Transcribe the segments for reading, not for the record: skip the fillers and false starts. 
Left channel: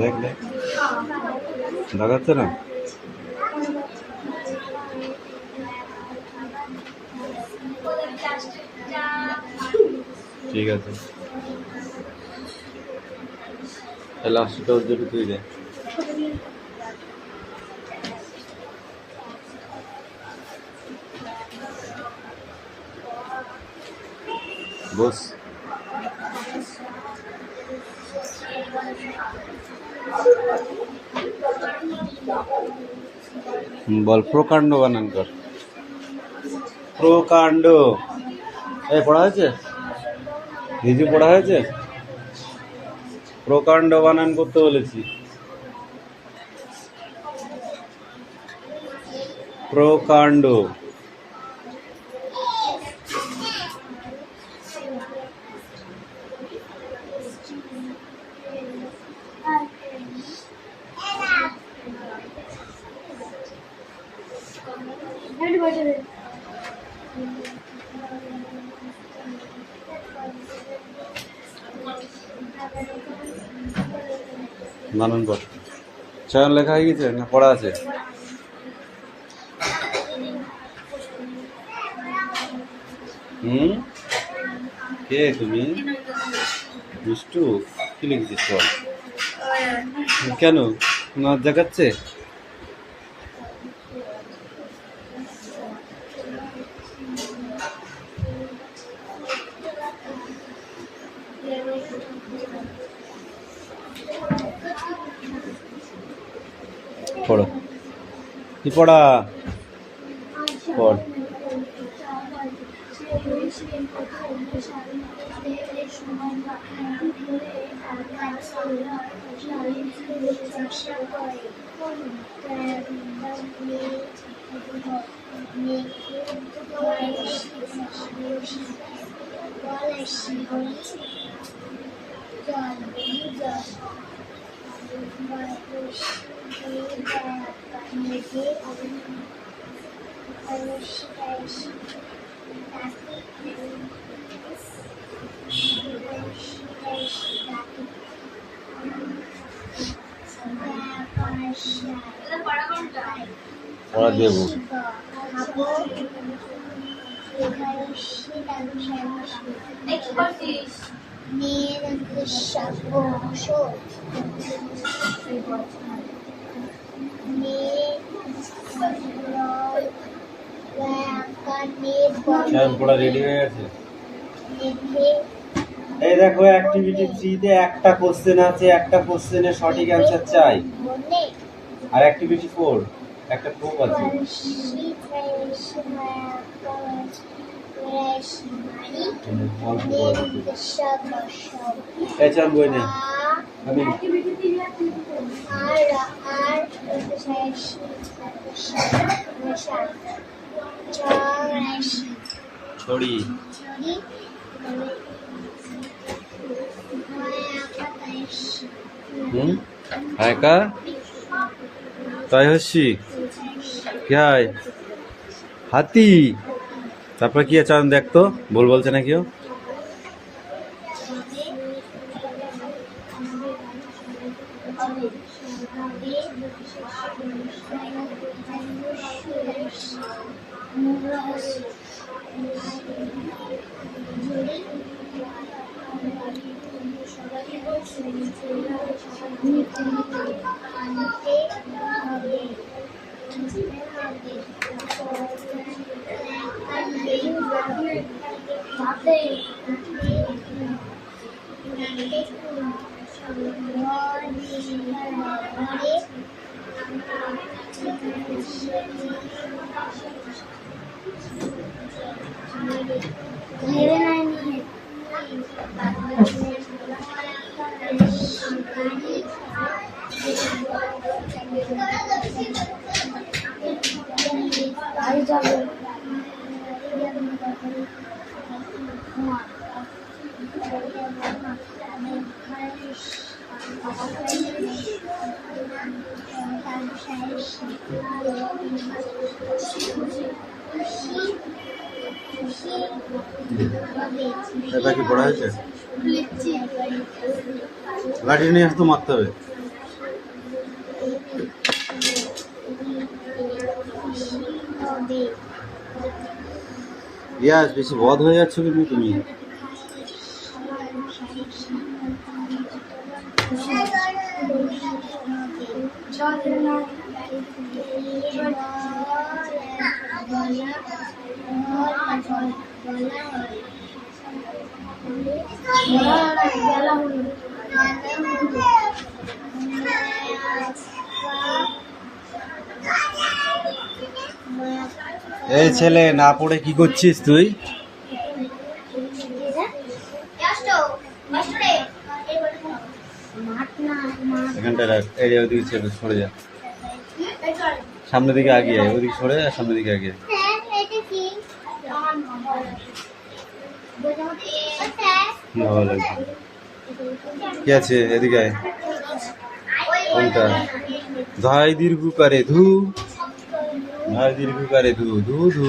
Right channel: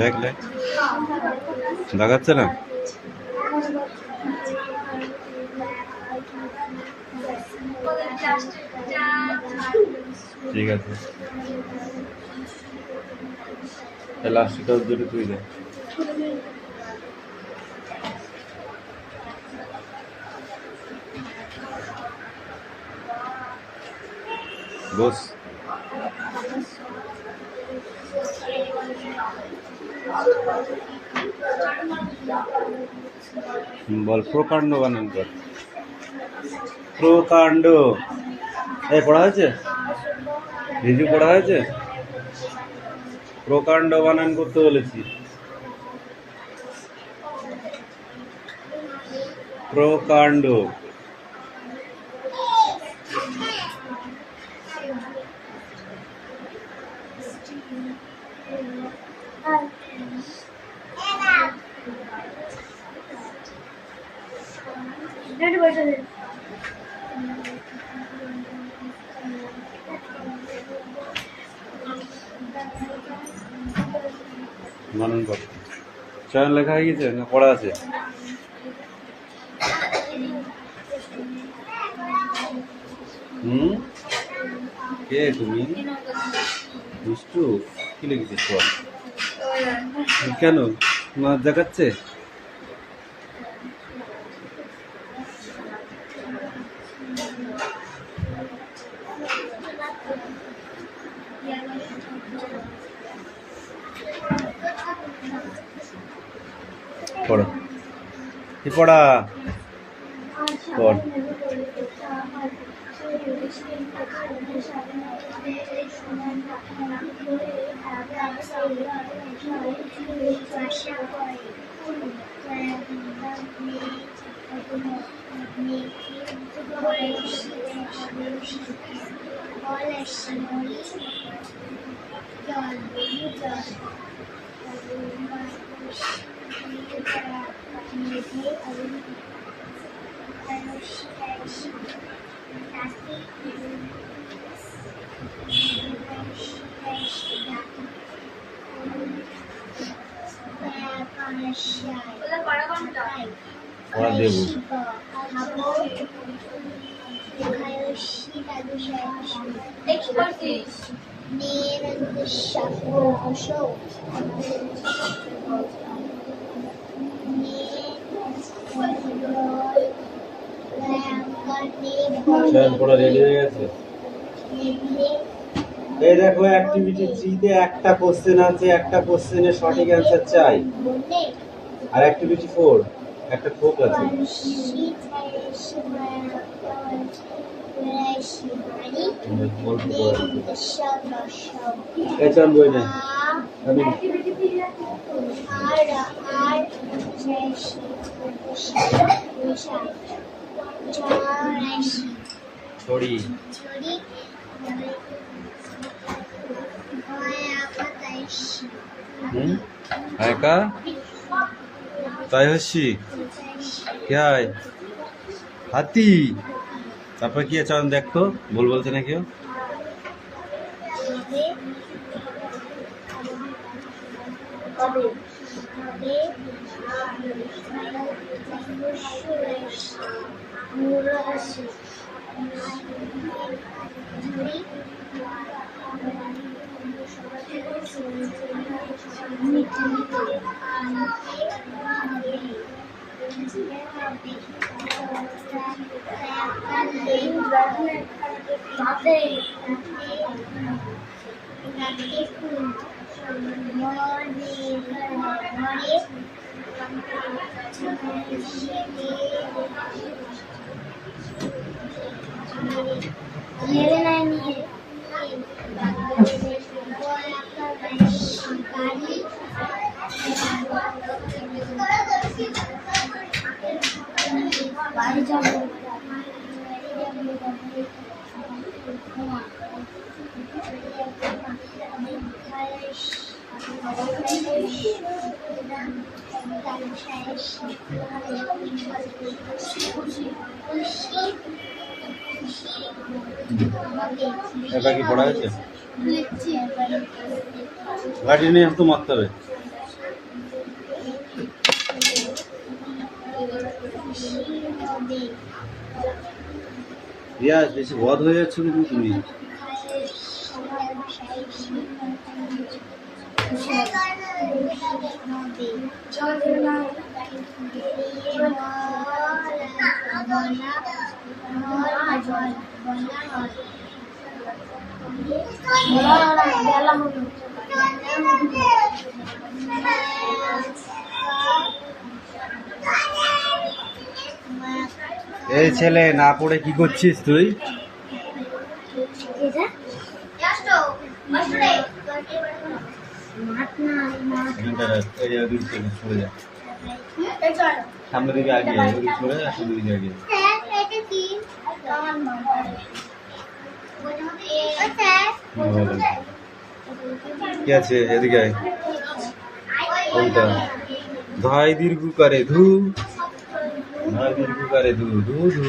লেখ লেখ দেখাচ্ছে না। ঠিক আছে, লাস্টটা উজ্জ্বল তুই দে। বস বল, প্রকাণ্ড বানান কর। প্রকাণ্ড। এই পড়া হয়েছে, রিজু পড়া হয়েছে। প্রকাণ্ড বানান করতে বলেছি। প্রকাণ্ড। বানান কর। চয়ন লেখা হয়ে গেছে না পড়া আছে? কে তুমি? দুষ্টু। কি লিখেছিস বল? কেন না দেখাচ্ছে? পড়ো, কি পড়া? পড়। পড়া দেব। পড়া রেডি হয়ে গেছে। এই দেখো, অ্যাক্টিভিটি 3 তে একটা কোশ্চেন আছে, একটা কোশ্চেনের সঠিক অ্যান্সার চাই। আর অ্যাক্টিভিটি 4 একটা ফোক আছে। এই চান বই না আমি ছড়ি একা তাই হচ্ছি কি হয় হাতি। তারপর কি আছে দেখতো, ভুল বলছে না কেউ? मेरे এবার কি পড়া হয়েছে? লাঠি নিয়ে আসতো মারতে হবে। ইয়াস বেশি বদ হয়ে যাচ্ছ কিন্তু তুমি। এই ছেলে না পড়ে কি করছিস তুই? এখানটা ওদিকে সরে যা, সামনের দিকে আগিয়ে ওদিকে সরে যা, সামনের দিকে আগিয়ে। ভালো লাগছে। কি আছে এদিকে আয়। কোনটা? ধাই দীর্ঘ করে ধু, ধাই দীর্ঘ করে ধু ধু ধু।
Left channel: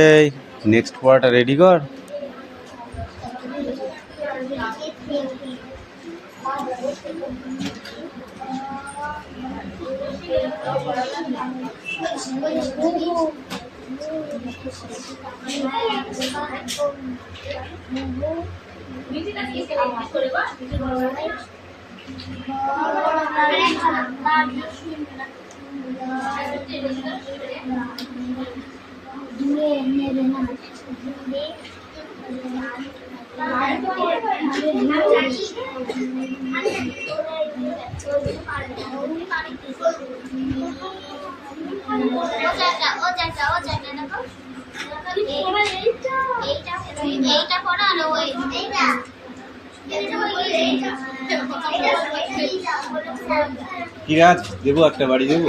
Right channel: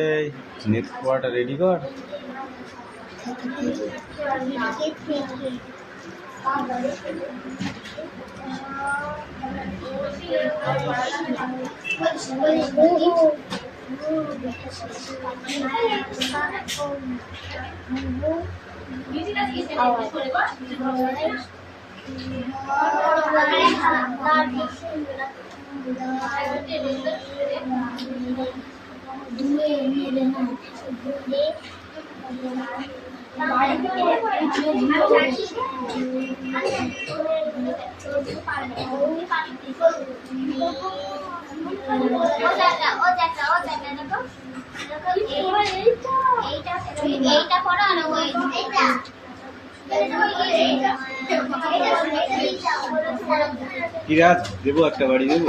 এই নেক্সট পার্ট রেডি কর। কি রাজ দেবো, একটা বাড়ি দেবো।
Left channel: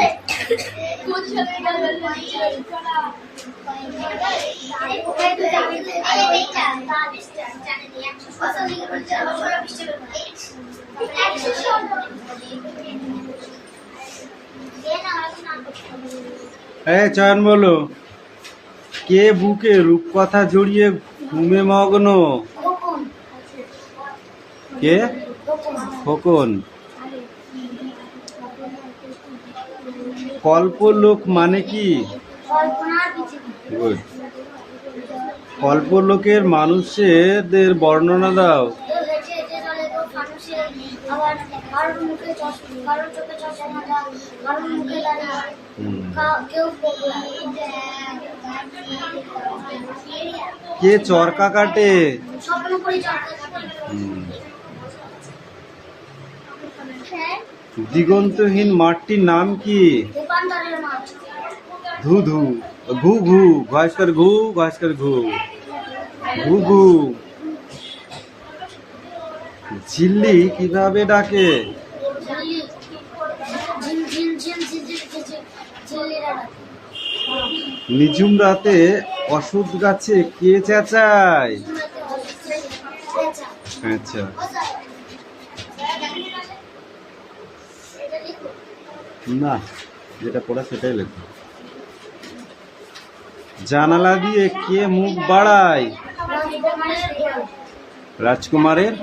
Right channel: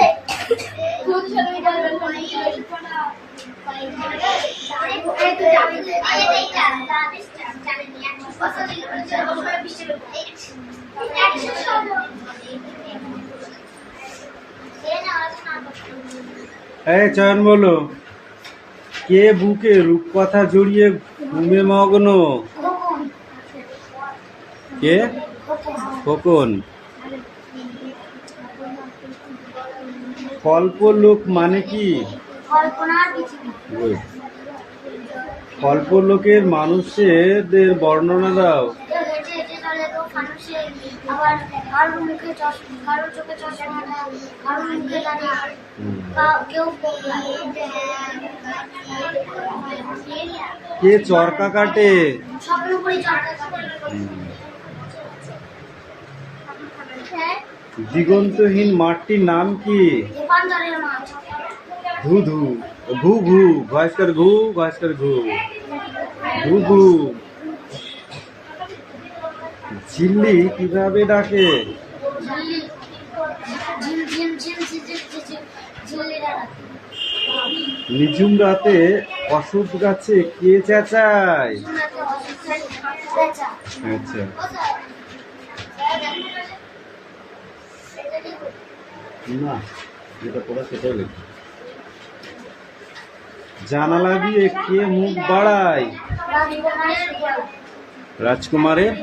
চয়ন বলো, কে বুকে রূপকথা জড়িয়ে ঘুমে মগ্ন? কে? খোকন। কল্পলোক মানে কি? কল্পলোকের মানুষদের বর্ণনা দাও। কে চরকা কাটে? দিগন্তহীন মাঠটির নাম কি? ধু ধু ঘু ঘু ঘয়স্কর ঘু ঘয়স্কর ঘু ঘু ঘু। ঝিল্লি কিভাবে ডাকে? নিঝুম রাতে অশ্বত্থ গাছে কে চেঁচায়? আচ্ছা, না যেটা পড়া সেটাই লেখো। জানালা দিয়ে কে মুখ বাড়ায়? রাজকুমারের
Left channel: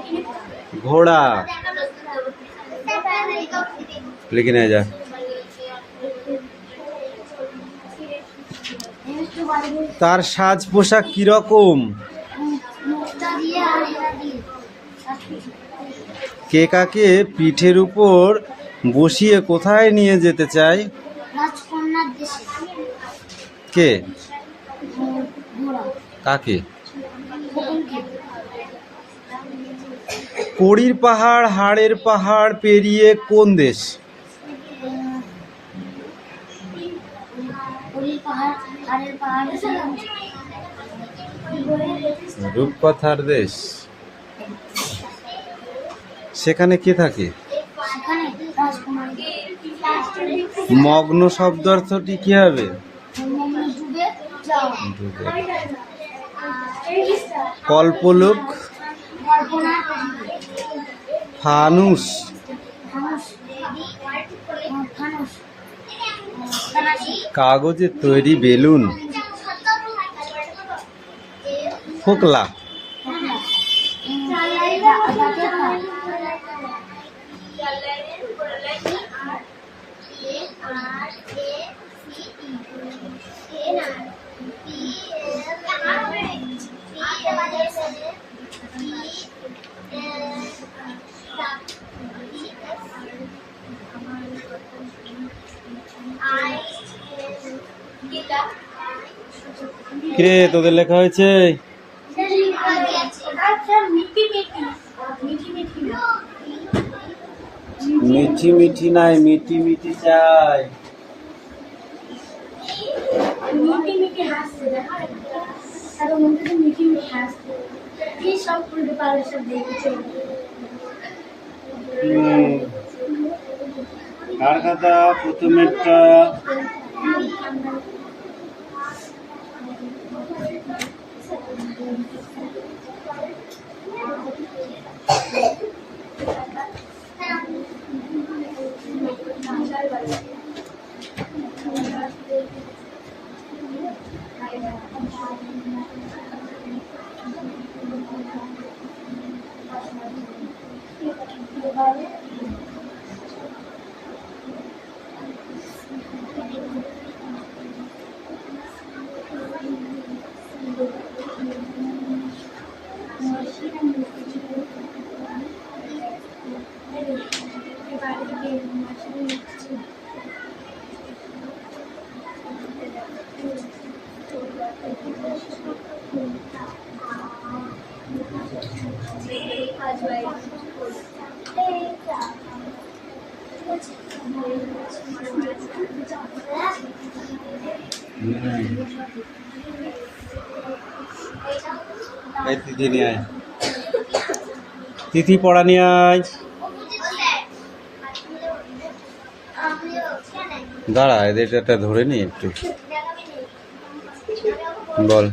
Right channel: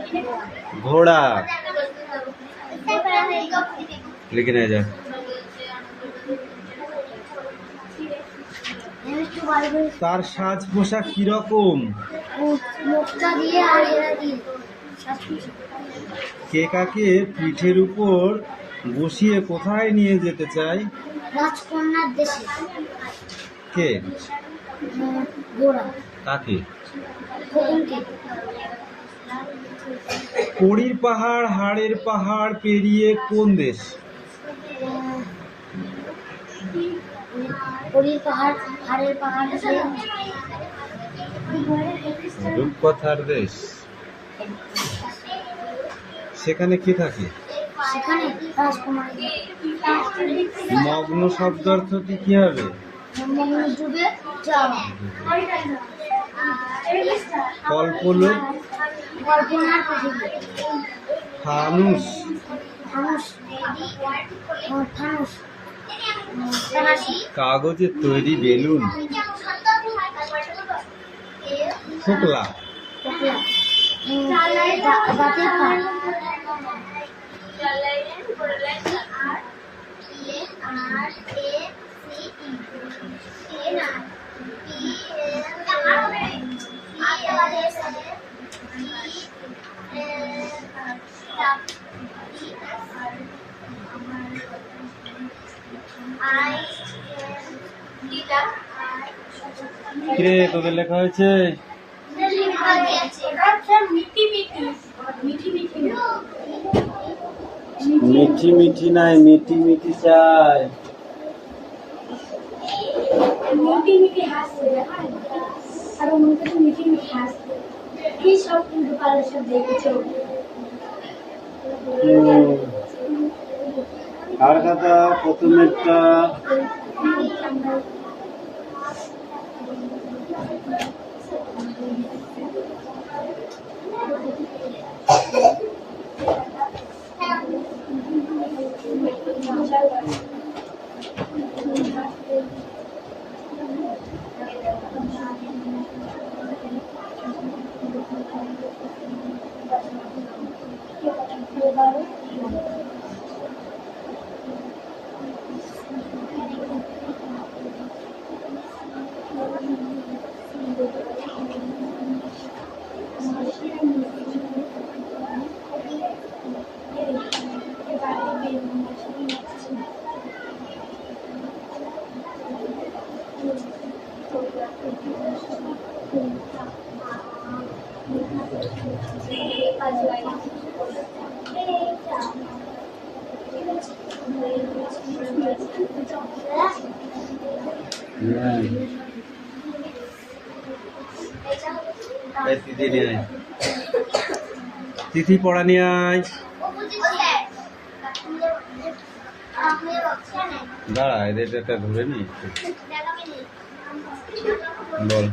ঘোড়া। লিখে নিয়ে যা। তার সাজ পোশাক কিরকম? কে কাকে পিঠের উপর বসিয়ে কোথায় নিয়ে যেতে চায়? রাজকন্যার দেশে। কে? ঘোড়া। কাকে? খোকনকে। কড়ির পাহাড় হাড়ের পাহাড় পেরিয়ে কোন দেশ? কড়ির পাহাড় হাড়ের পাহাড় রূপকথার দেশ। সেখানে কি থাকে? সেখানে রাজকুমারী। মগ্ন শব্দ অর্থটি কি হবে? মগ্ন ডুবে যাওয়া। কল্পলোক, কল্পনার পৃথিবী। ফানুস, ফানুস। ফানুস। ফরাসি। কাগজের তৈরি বেলুন, ফোকলা, পোকলা। দাঁতের পাল। কিরে তোদের লেখা হয়েছে? মিঠি মিঠি নাই, মিঠি মিঠি চাই। মিটি মিটি হাসছে, আর মনটা মিটি মিটি হাসছে। কি সব উল্টো পাল্টা সব দেখেছো? আর কথা প্রথমেরটা তিথি নিয়ে আয়, তিথি পড়া নিয়ে আয়। দাঁড়া এদেরটা ধরে নি একটু, বল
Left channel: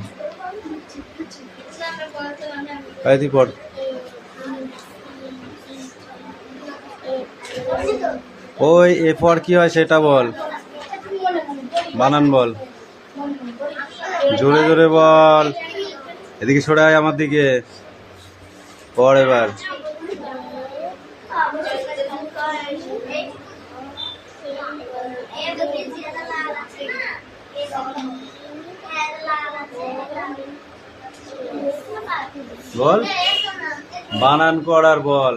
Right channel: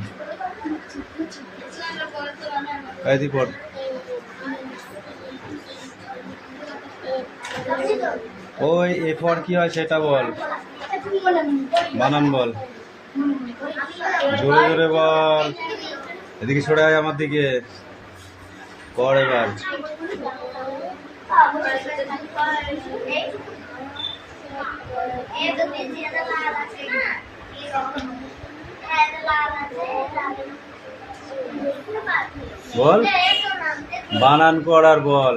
তুই পড়। ওই এরপর কি হয় সেটা বল, বানান বল, জোরে জোরে বল। এদিকে সরে আয় আমার দিকে, পড় এবার। বল বানান কর আর বল।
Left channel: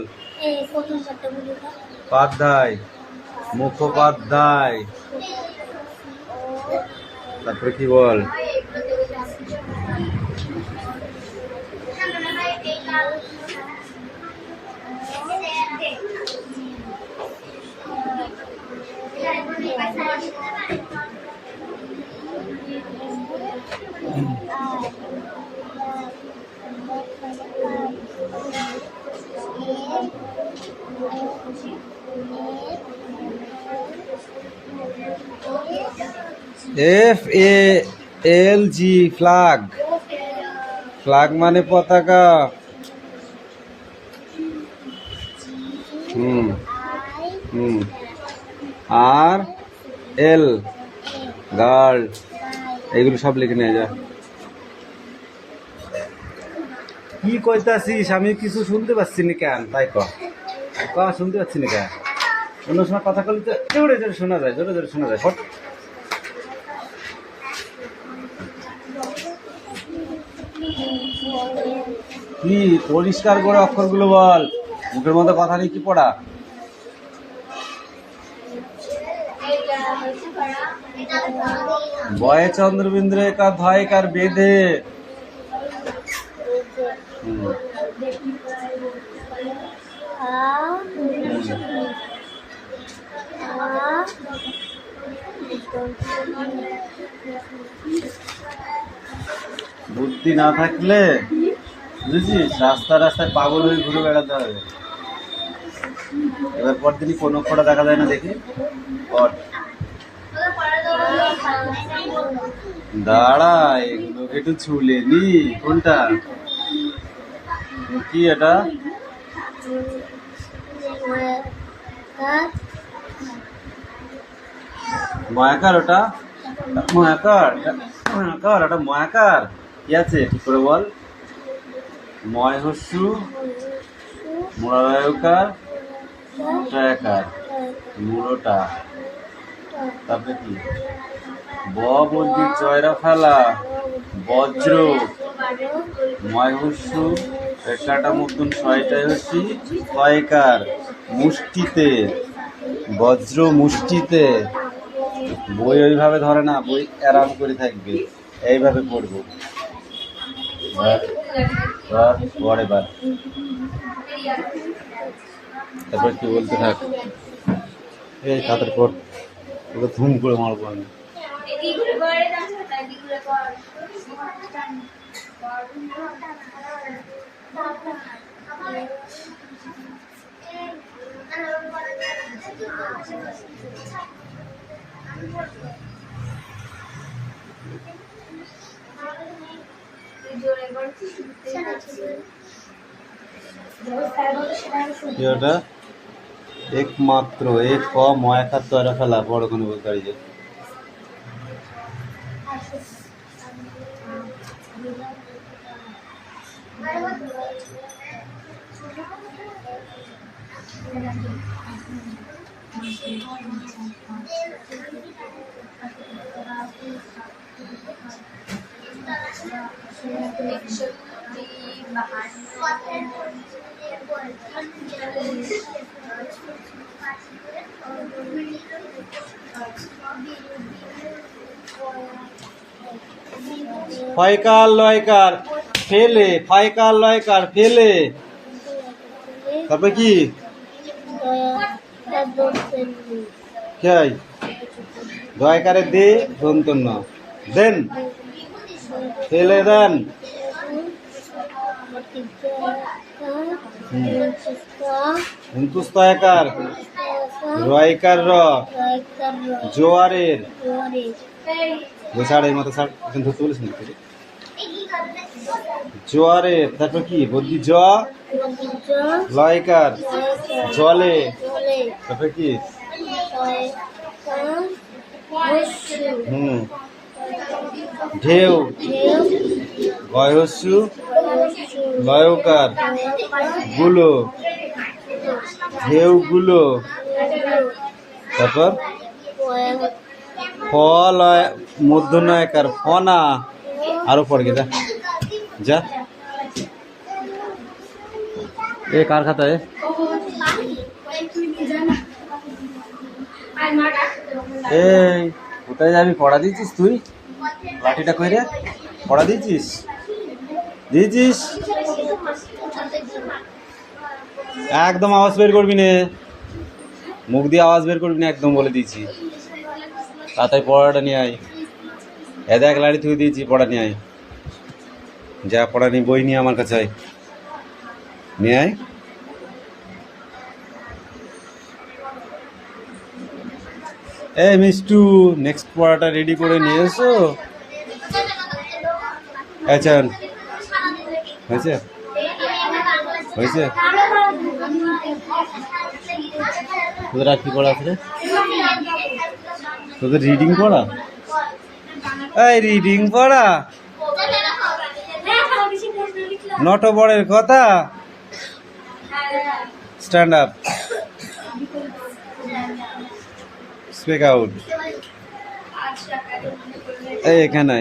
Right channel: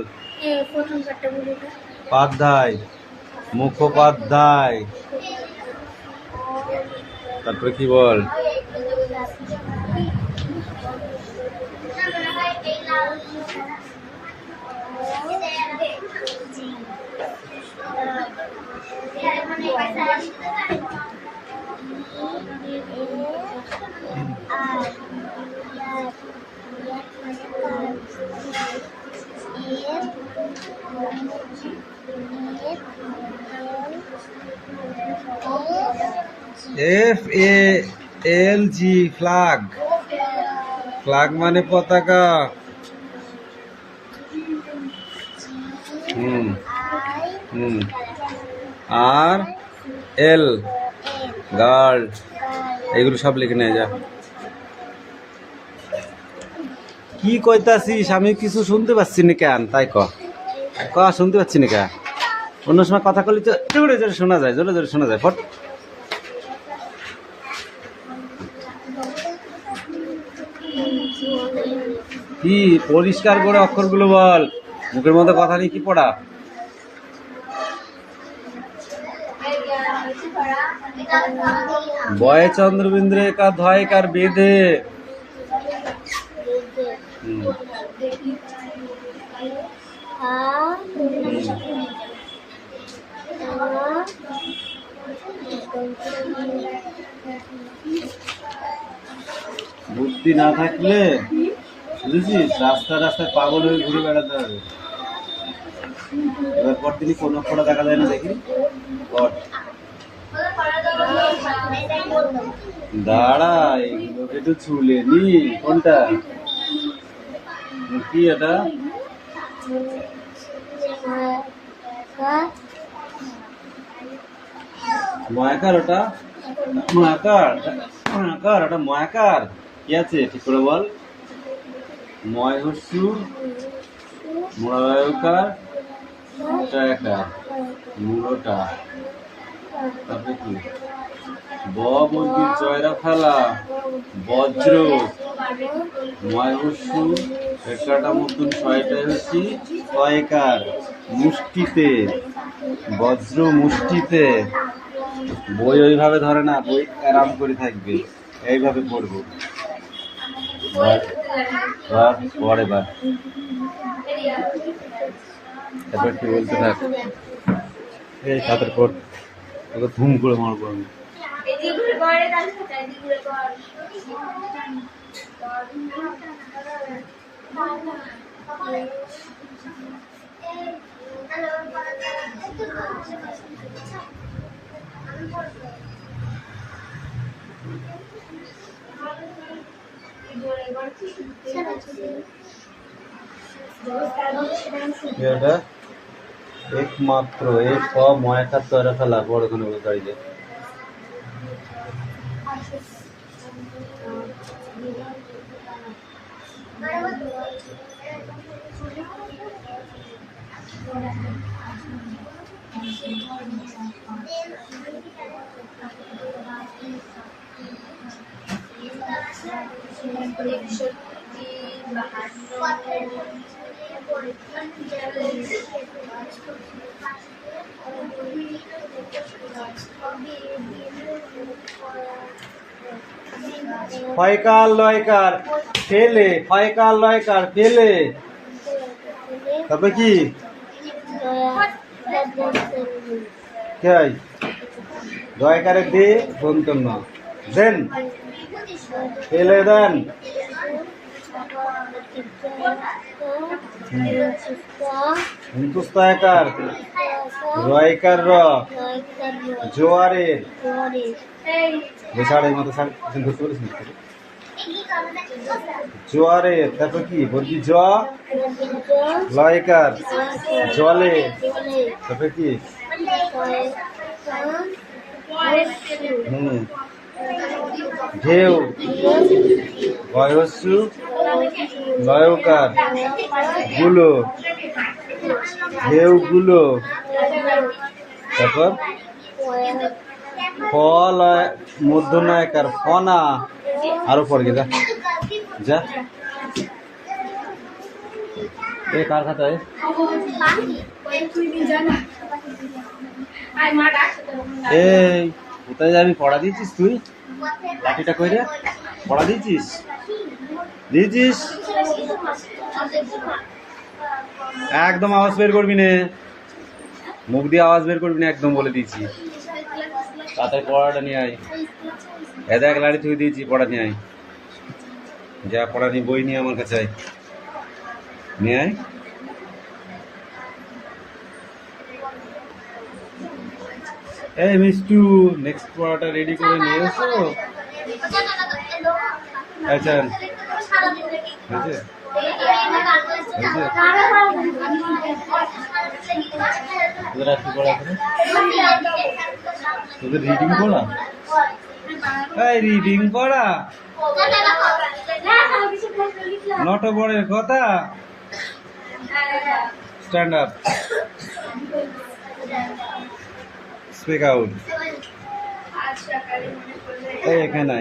পাধ্যায়, মুখোপাধ্যায়, তারপরে কি বল? FALG, flag. ফ্ল্যাগ মানে পতাকা। আর L, গার্ড। এগুলো সব লিখে নিয়ে যা। কি কইতাছিস? আমি কিছু শুনতে পাচ্ছি না কেন? তাই ক শুনতে পাচ্ছি না কেন? অন্য সময় কথা বলি তো জোরে জোরে শোনা যায়, জোরে জোরে শোনা যায়। ফট। কি পরিষ্কার করে অক্ষরগুলো বল, মুখের মধ্যে কথা নেই। কি পড়া? বয়ে চন্দ্রবিন্দু একা ধয় কার বেঁধে। বুদ্ধি না থাকলে বুঝেছিস, রাস্তায় রাস্তায় পাগল হয়ে ঘুরে বেড়াতে হবে। এবার পরদিনই কোন অক্ষরটা দেখা যায় না দেখি। পর দাঁড়া, এগুলোকে একটু ছুলে নি। কোনটা কি এটা? ময়াকার ওটা? ময়াকার, ময়াকার ওটা ময়াকার। কি আছে ঠিক করে বল? ময় হস্যু মোড়াকার ট্রায়াকার মূলটা। তারপরে কি? ব বর্গীর জয়রা ফেলা বজ্র ময় হস্যু একাটা মতন ছয়টায় হচ্ছি কয়কার মুষ্টিতে বজ্র মুষ্টিতে। বই ওইভাবে ধরে না, বই আরাম করে থাকবে, এইভাবে পড়বো। পরে বার তারপর কি বলতে থাক। এই তাদের পর তোকে ধুম করে মারবো আমি। কি ওটা? একমাত্র এক ক ময়াকার তৈরা ফেলা বড় কোনো গাড়ি যায়। ফয়কার লয়কার ফেলে, ফয়কার লয়কার ফেলে। তারপরে কি? দয়কারে দে দন্তন্য দেন ফেলে দেন। হিন্দুস্তায়কার রয়কার র জোয়ারের এই মতো ছাড় ধরতে বলিস না জোয়ারের। তারপর কি বলছি? জ লয়কার জলে। তারপরে কি? ঢেউ গয়হস্যু লয়কার গুলো ঢেউ গুলো। তারপর ফল মধ্যনায়কার ফনা। আরো পড় গে যা যা। এ কার খাতায়? এই কোথায় যাবি? পড়া দিয়েছিস তুই? লাঠিটা কইরে পড়া দিয়েছিস? দিয়েছিস? একদম আওয়াজ বের করবি না, মুখ দিয়ে আওয়াজ বের করবি না একদম, বলে দিয়েছি। তাড়াতাড়ি পড়াটা নিয়ে আয়। এক লাড়ি থুয়ে দিয়েছি, পড়া নিয়ে আয়। যা পড়া নিয়ে বই নিয়ে আমার কাছে আয়, নিয়ে আয়। এই মিষ্টু, নেক্সট পড়াটা রেডি করে নিয়ে এসো। আচ্ছা হয়েছে হয়েছে। তোদের আর কি পড়া আছে? তোদের রিডিং পড়া? এই রিডিং পড়া নটবরের কথা। Stand up, speak out. এই এখানে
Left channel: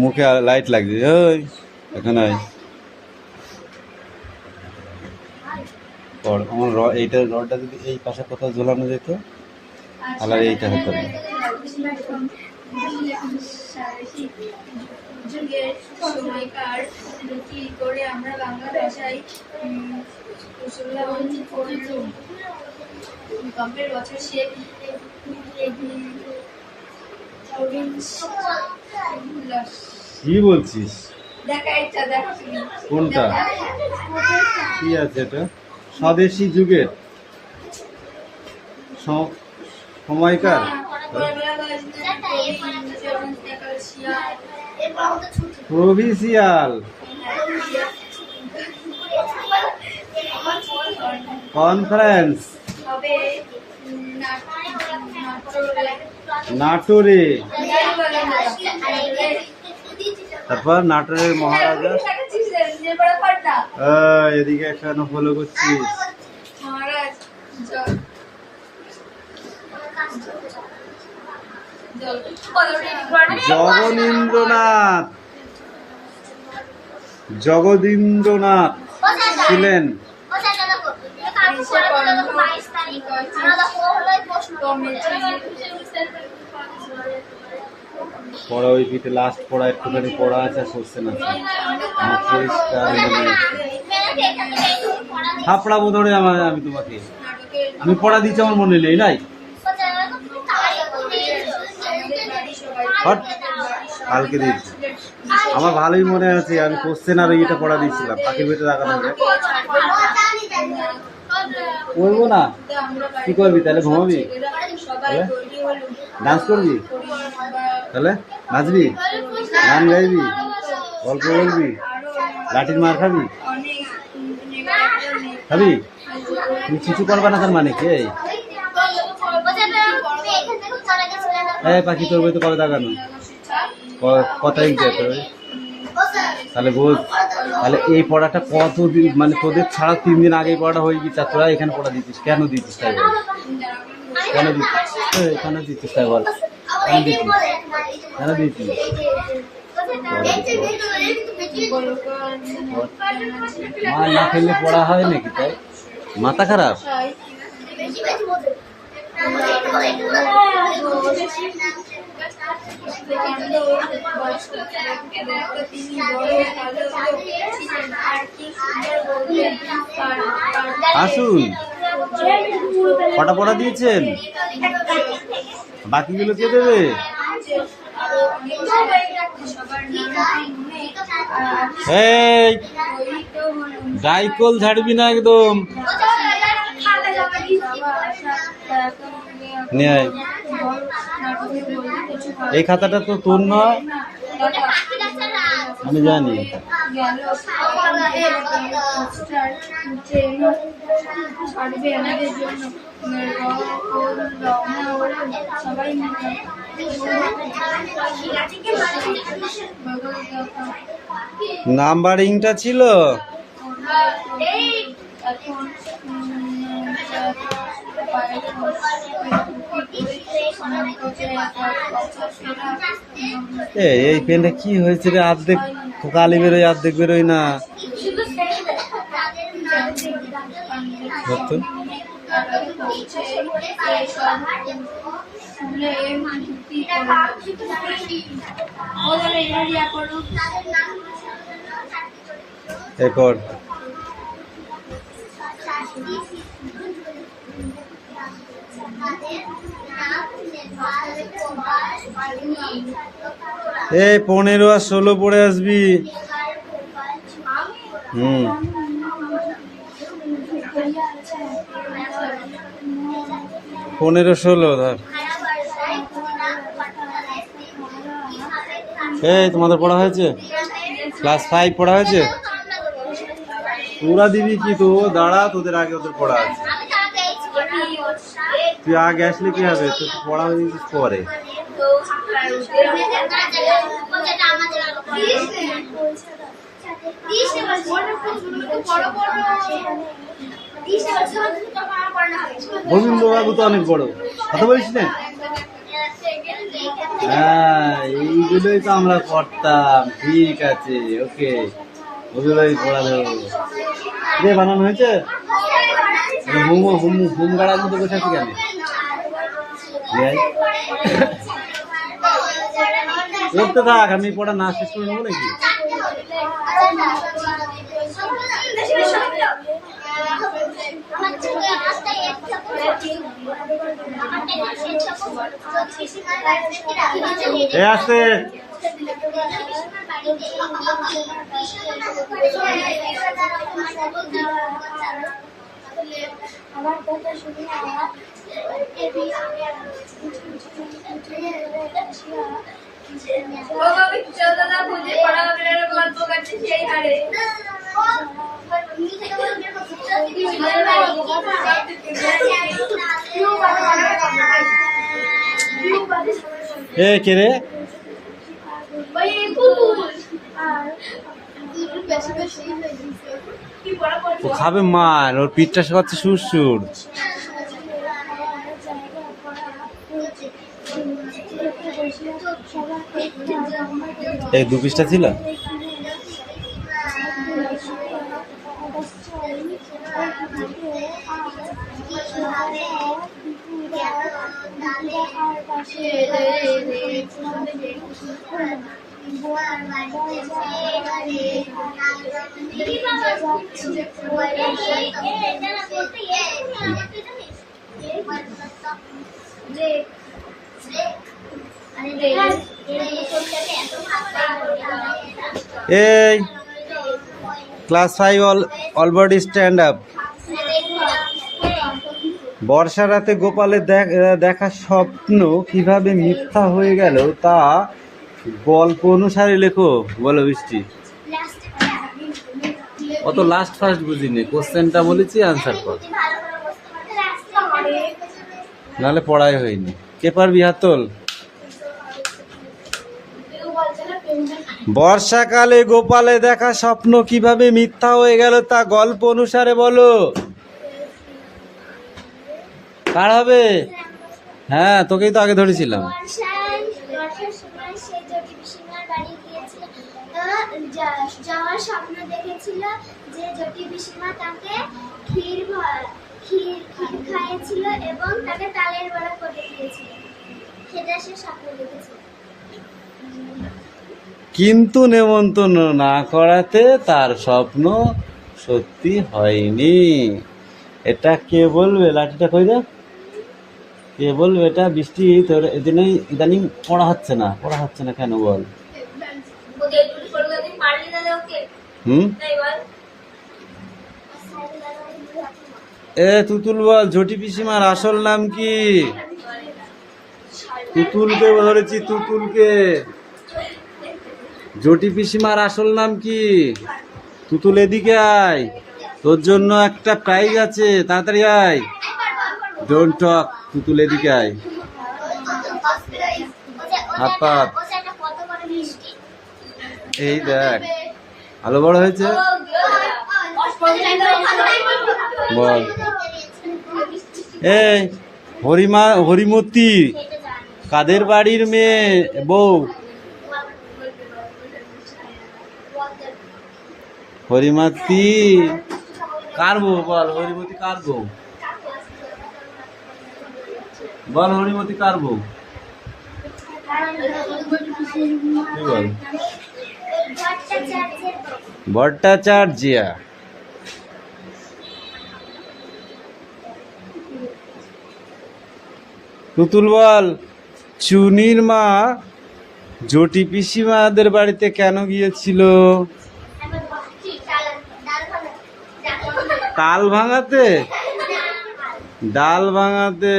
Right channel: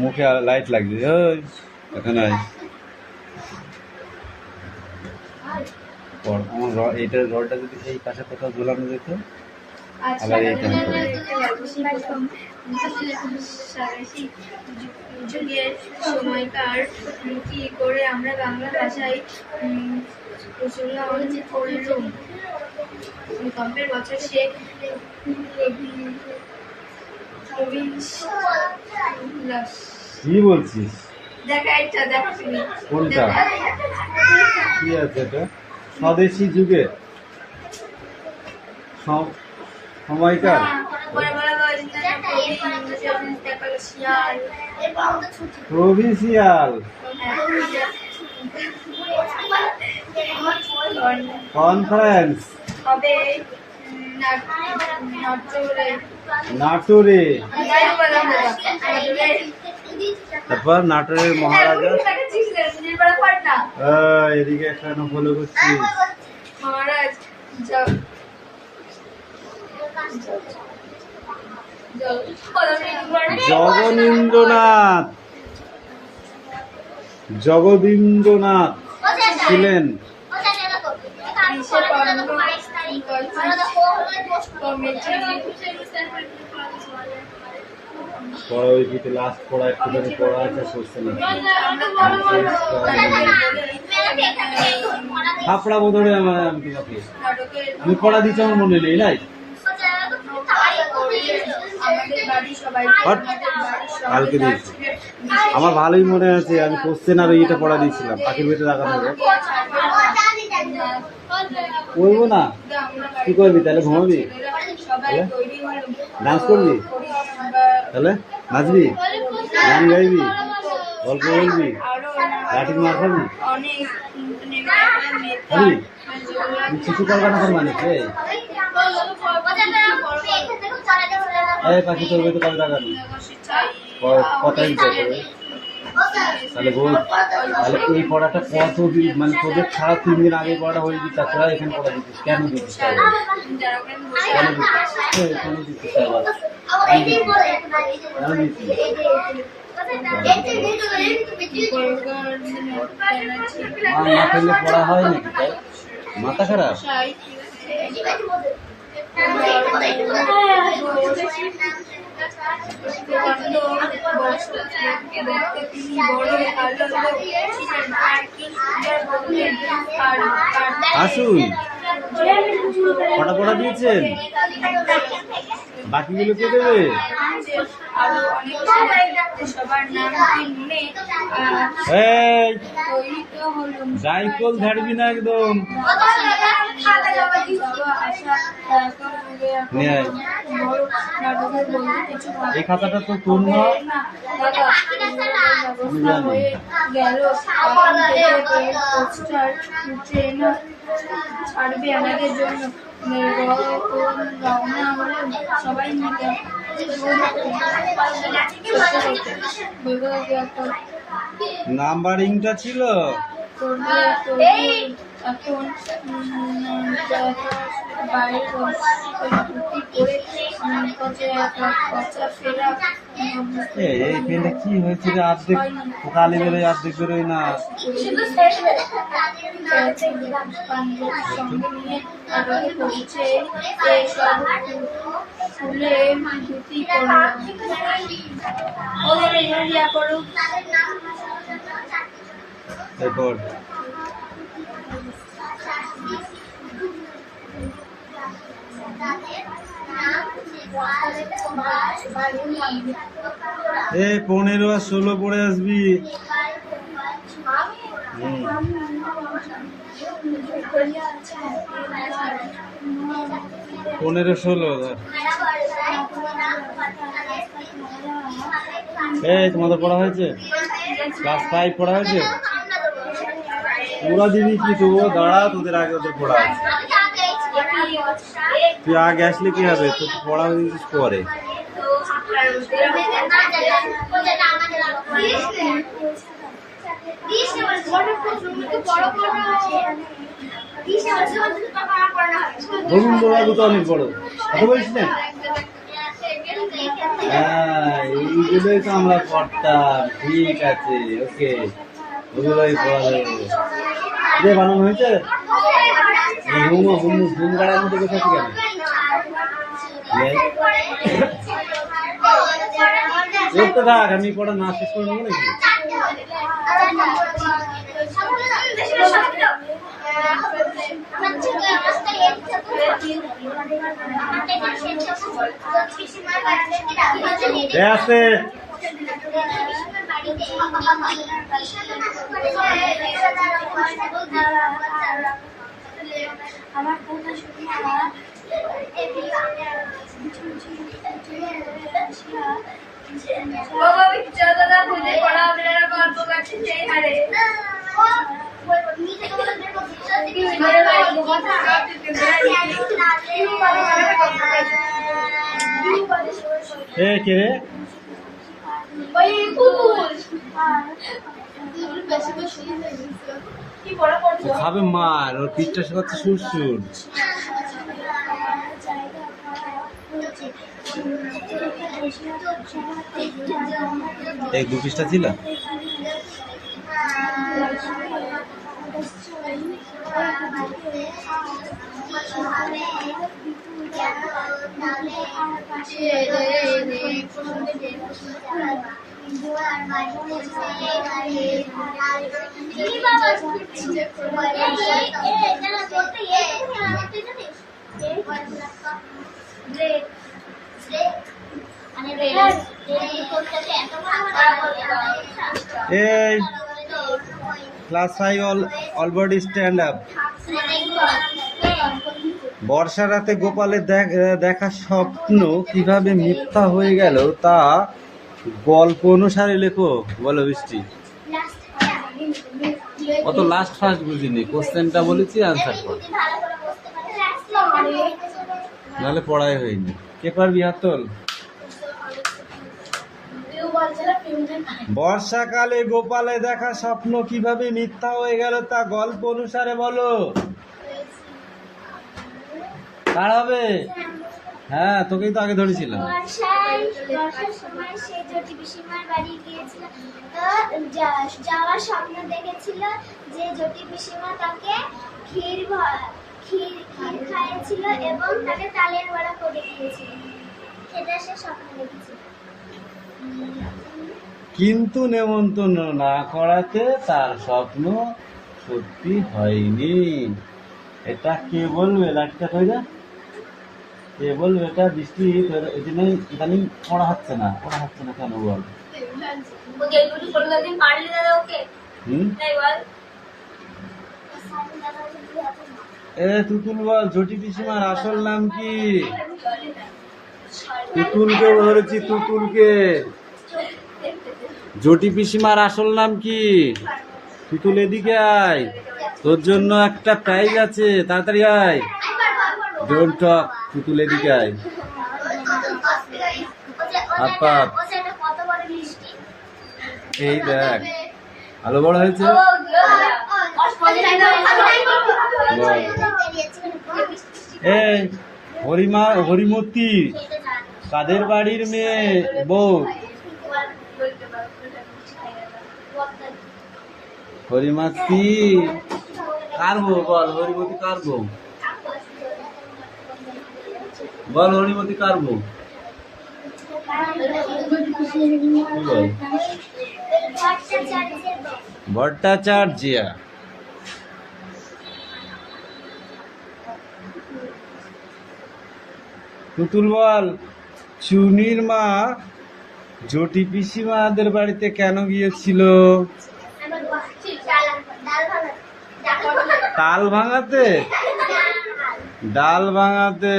মুখে লাইট লাগছে, ওই এখানে আমার এইটা রডটা যদি এই পাশে কোথাও ঝোলানো যেত, তাহলে এইটা হতো। যুগের সময়কার কি করে আমরা বাংলা ভাষায় প্রচলন করলুম। ভূকম্পের বছর সে কি বলছিস? দেখা ইচ্ছা দেখো তুমি কোনটা কি আছে? এটা স্বদেশী যুগের সময়কার পরে বলা হয়েছে তারপরে শিয়াল প্রভিন্সিয়াল কনফারেন্স হবে নাটোরে তারপর নাটোরের মহারাজা এদিকে এখানে ফলো করছিস মহারাজ জগনীন্দ্রনাথ জগদীন্দ্রনাথ ছিলেন পড়া ওই পিতে লাস্ট পড়া একটুখানি পড়া আছে আর করছে না হাফড়াবো ধরে আমি তোমাকে আমি পড়া দিচ্ছি আমার মনে নেই নাই কালকে দিয়েছি আমার ভালোই মনে আছে আমি কোশ্চেন আর এটা পড়া দিয়েছিলাম পাখির ভেতরে রাখা থাকে করবো না কি করবি তাহলে ঘুমাবি ডান্স করবি তাহলে নাচবি গান গাইবি গল্প বলবি লাঠির মার খাবি খাবি তুই শিশু কলকাতার মানে কে পাখি তোর তো কবে দেখানো কত ইঞ্চি তাহলে বল তাহলে এই পড়াটা কত দিন মানে তোদের ছাড়া 3 দিন আগে পড়াটা হয়ে গেছে তোরা এখানে পড়া দিচ্ছিস কেন দিচ্ছিস তাই বল কেন দিচ্ছিস এখানে দিচ্ছিস তাই বল কেন দিচ্ছিস না খেললে পড়া হয় নাকি তাই মাথা খারাপ আসুন কটা পড়া দিয়েছেন বাকিগুলো কে দেবে এই ডাইকল ছাড়বি না একদম এই খাতাটা তো তোর না আমি জানি ছাড়বে আমাদের জন্য সবাই নাম্বারিংটা ছিল এই পেনটা কি হয়েছে রে অর্ধেক কালি বেরোয় অর্ধেক বেরোয় না এরপর এই 15 আর 16 পড়ে আসবি 15-16 ধর এই তোমাদের পড়া হয়েছে ক্লাস 5 পড়া হয়েছে পুরা দিবি কি তো দাঁড়া তোদের আগে ওদের পড়া আছে তুই আগে আসলে কি হবে তুই পড়া হয়ে গেছিস পরে গোবিন্দবাবু তো অনেক বড় কথা বলিস না হ্যাঁ এইগুলোই তো আমরা পড়তাম ঠিক আছে ওকে ওগুলোই পড়া দেবো রে বানানো হয়েছে হুম গাড়ার মধ্যে বসে আছি কেন করতে থাক আমি পড়া না শেষ করে নেবো নাকি আছে আমার কথা শুনিয়া বাবা বিচ্ছাদনা খুঁজে পড়া আপনারা গল্প করছে সেই হারে এ কে রে? ওই কুকুর বেশি বেশি কি বড় বড় ও খাবে মার, ওর পিঠটা শেখাচ্ছে সুর সুর। এই দু পিসটা ছিল। এই ক্লাস 5 অলরেডি স্ট্যান্ড আপ। বর্ষা রাতে গোপালের দেখা স্বপ্ন কিভাবে মিথ্যা হয়ে গেল তা গল্প অনুসারে লেখো। বলো বৃষ্টি। অত লাস্ট ফার্স্ট বুঝিনি, কোশ্চেনটা বলেছি আনসার কর, নাহলে পড়াই হয়নি। কে পারবি হাত তোল। বর্ষাকালে গোপালে দেখা স্বপ্ন কিভাবে মিথ্যা হয়ে গেল তা গল্প অনুসারে বলো। কার হবে? হ্যাঁ, তোকেই তো আগে ধরেছিলাম। বর্ষার সময় সে জ্যোতি পিসিমার বাড়ি গিয়েছিল। যাওয়ার স্বপ্ন দেখেছিল যে জ্যোতি পিসিমা তাকে ক্ষীর খাইয়েছিল এবং তাকে তালের বড়া করে দিয়েছিল। সেটা সে স্বপ্ন দেখেছিল। কিন্তু নেমন্তন্ন না করাতে তার স্বপ্ন সত্যি হয়নি। এটা কে বলবে? লাঠিটা কই দে। কে বলবে এটা? বৃষ্টি। তোর এদিনেই ইদানিং পড়া হচ্ছে না কেন বল? এ তুতুল বল, ঝটি পিসিমার আসল নাম কি? তুতুলকে ধরেছি, তুতুলকে। ঝটি পিসিমার আসল নাম কি? তুতুল এদিকে আয়, তোর জন্য একটা প্রাইজ আছে, তাড়াতাড়ি আয়। ডোন্ট টক, তুতুল এদিকে আয়। হাত এই দেখ, আলো বড় হয়েছে। বল। এই হরিমতি কাদের বাড়ির মেয়ে বউ? হরিমতি কার বউ? বল, হরিমতি কার বউ? বল, হরিমতি কার বউ? ভট্টাচার্যিয়া। তুতুল বল, চুনির মা ঝটি পিসিমাদের বাড়িতে কেন গিয়েছিল? ডাল ভাঙাতে।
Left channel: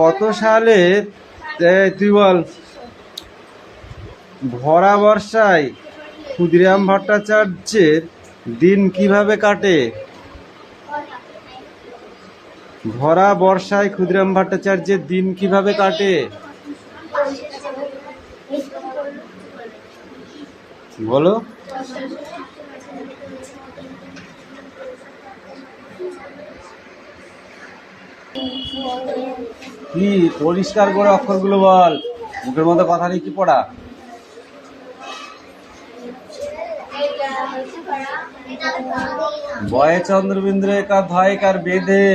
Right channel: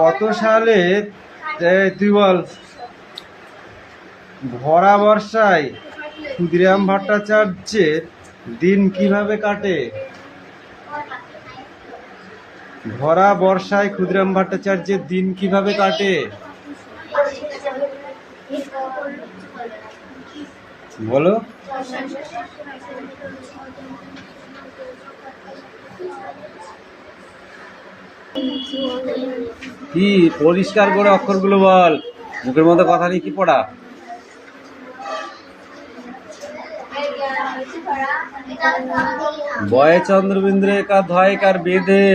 কত সালে? তুই বল। ভরা বর্ষায় ক্ষুদিরাম ভট্টাচার্যের দিন কিভাবে কাটে? ভরা বর্ষায় ক্ষুদিরাম ভট্টাচার্যের দিন কিভাবে কাটে? বলো। কি পরিষ্কার করে অক্ষরগুলো বল, মুখের মধ্যে কথা নেই। কি পড়া? বয়ে চন্দ্রবিন্দু একা ধয় কার বেঁধে।